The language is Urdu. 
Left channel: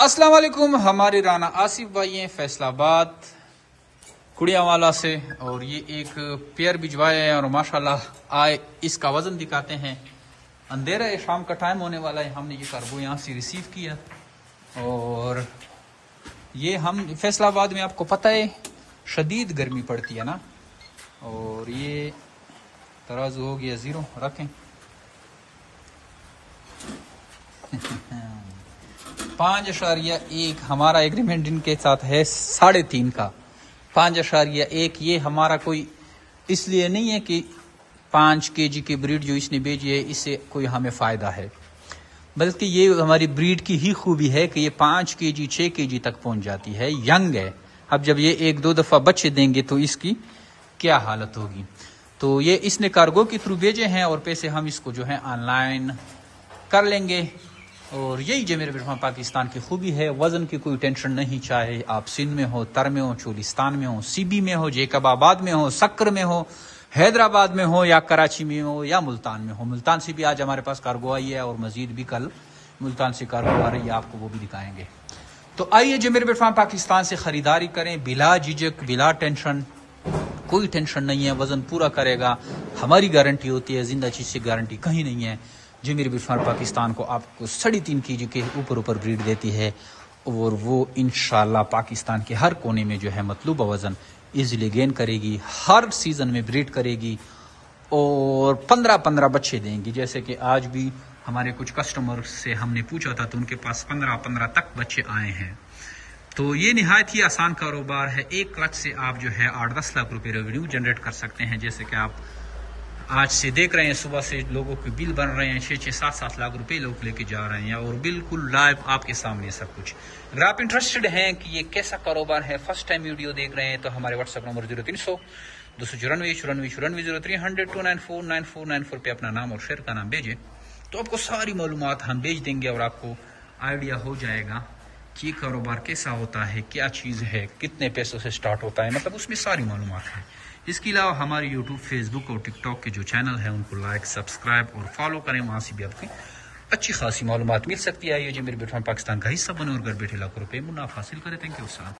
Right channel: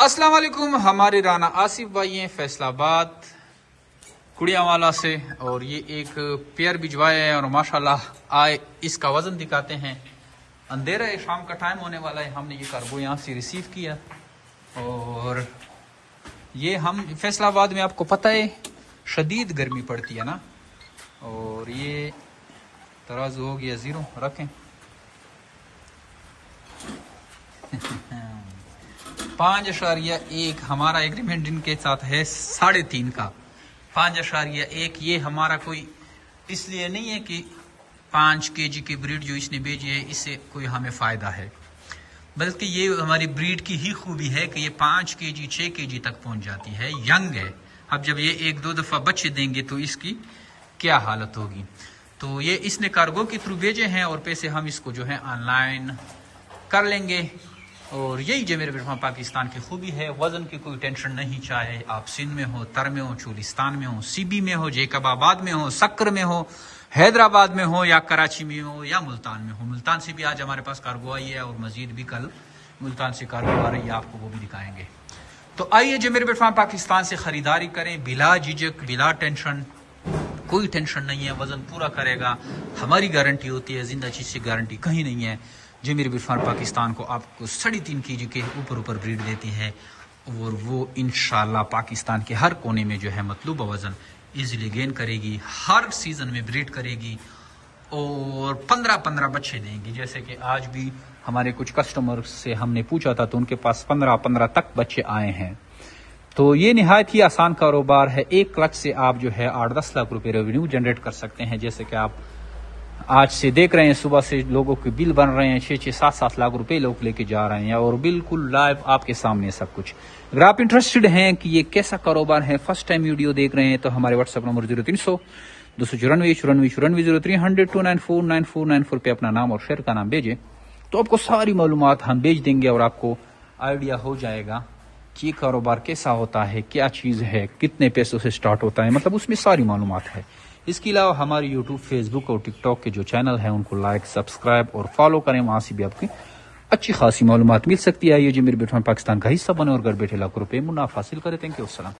السلام علیکم، ہمارے رانا آصف بھائی ہیں فیصل آباد کڑیا والا سے، اور یہ ایک پیئر بھجوائے ہیں اور ماشاءاللہ آئے اس کا وزن دکھاتے ہیں۔ اندھیرا ہے، شام کا ٹائم ہونے والا ہے، ہم نے یہ کارگو یہاں سے ریسیو کیا اور یہ ہم فیصل آباد میں آپ کو پتہ ہے شدید گرمی پڑتی ہے نا، اور یہ ترازو ہو گیا 0 رکھیں 5.1 ہمارا ایگریمنٹ ان کے ساتھ ہے 3.5 کا 5.1۔ یہ ہمارا کوئی اس لیے نہیں ہے کہ 5 kg کی بریڈ جو اس نے بھیجی ہے اس سے کوئی ہمیں فائدہ ہے، بلکہ یہ ہماری بریڈ کی ہی خوبی ہے کہ یہ 5 kg 6 kg تک پہنچ جاتی ہے، ینگ ہے۔ اب جب یہ 1-2 دفعہ بچے دیں گے تو اس کی کیا حالت ہوگی۔ تو یہ اس نے کارگو کے تھرو بھیجے ہیں اور پیسے ہم اس کو جو ہے آن لائن کر لیں گے، اور یہی جو میرے بیٹھا پاکستان کی خوبی ہے، وزن کی کوئی ٹینشن نہیں، چاہے آپ سندھ میں ہو، تر میں ہو، چولستان میں ہو، سی بی میں ہو، جیکب آباد میں ہو، سکر میں ہو، حیدرآباد میں ہو، یا کراچی میں ہو، یا ملتان میں ہو۔ ملتان سے بھی آج ہمارے پاس کارگو آئی ہے اور مزید بھی کل ملتان سے کارگو آ رہی ہے، آپ کو وہ بھی دکھائیں گے۔ تو آئیے جو میرے بیٹھا پاکستان سے خریداری کریں بلا جھجک، بلا ٹینشن، کوئی ٹینشن نہیں ہے، وزن پورا کرے گا، ہماری گارنٹی ہوتی ہے، زندہ چیز کی گارنٹی کہیں نہیں ہے۔ جو میرے بیٹھا پاکستان کو آپ کو 3.5 kg کے اوپر بریڈ دیتی ہے، اور وہ انشاءاللہ پاکستان کے ہر کونے میں جو ہے مطلوبہ وزن ایزیلی گین کرے گی، ہر سیزن میں بریڈ کرے گی اور 15 بچے دیں گی۔ جیسے کہ آج بھی ہمارے کچھ کسٹمر سے ہم نے پوچھا تھا تو ان کے پاس 15 تک بچے آئے ہیں۔ تو یہ نہایت ہی آسان کاروبار ہے، 1 کلچ سے آپ جو ہے 8-10 لاکھ روپے ریونیو جنریٹ کر سکتے ہیں۔ جیسے کہ آپ آج سے دیکھ رہے ہیں، صبح سے لوگوں کے بل بن رہے ہیں، 6-7 لاکھ روپے لوگ لے کے جا رہے ہیں، اور بالکل لائیو آپ کے سامنے سب کچھ۔ اگر آپ انٹرسٹڈ ہیں کہ یہ کیسا کاروبار ہے، فرسٹ ٹائم ویڈیو دیکھ رہے ہیں، تو ہمارے واٹس ایپ نمبر 0300 294 94 0300 294 پہ اپنا نام اور شہر کا نام بھیجیں، تو آپ کو ساری معلومات ہم بھیج دیں گے، اور آپ کو آئیڈیا ہو جائے گا کہ یہ کاروبار کیسا ہوتا ہے، کیا چیز ہے، کتنے پیسوں سے سٹارٹ ہوتا ہے، مطلب اس میں ساری معلومات ہے۔ اس کے علاوہ ہماری یوٹیوب، فیس بک اور ٹک ٹاک کے جو چینل ہیں ان کو لائک، سبسکرائب اور فالو کریں، وہاں سے بھی آپ کی اچھی خاصی معلومات مل سکتی ہے۔ یہ جو میرے بیٹھا پاکستان کا حصہ بنے اور گھر بیٹھے لاکھوں روپے منافع حاصل کرے۔ تھینک یو، السلام۔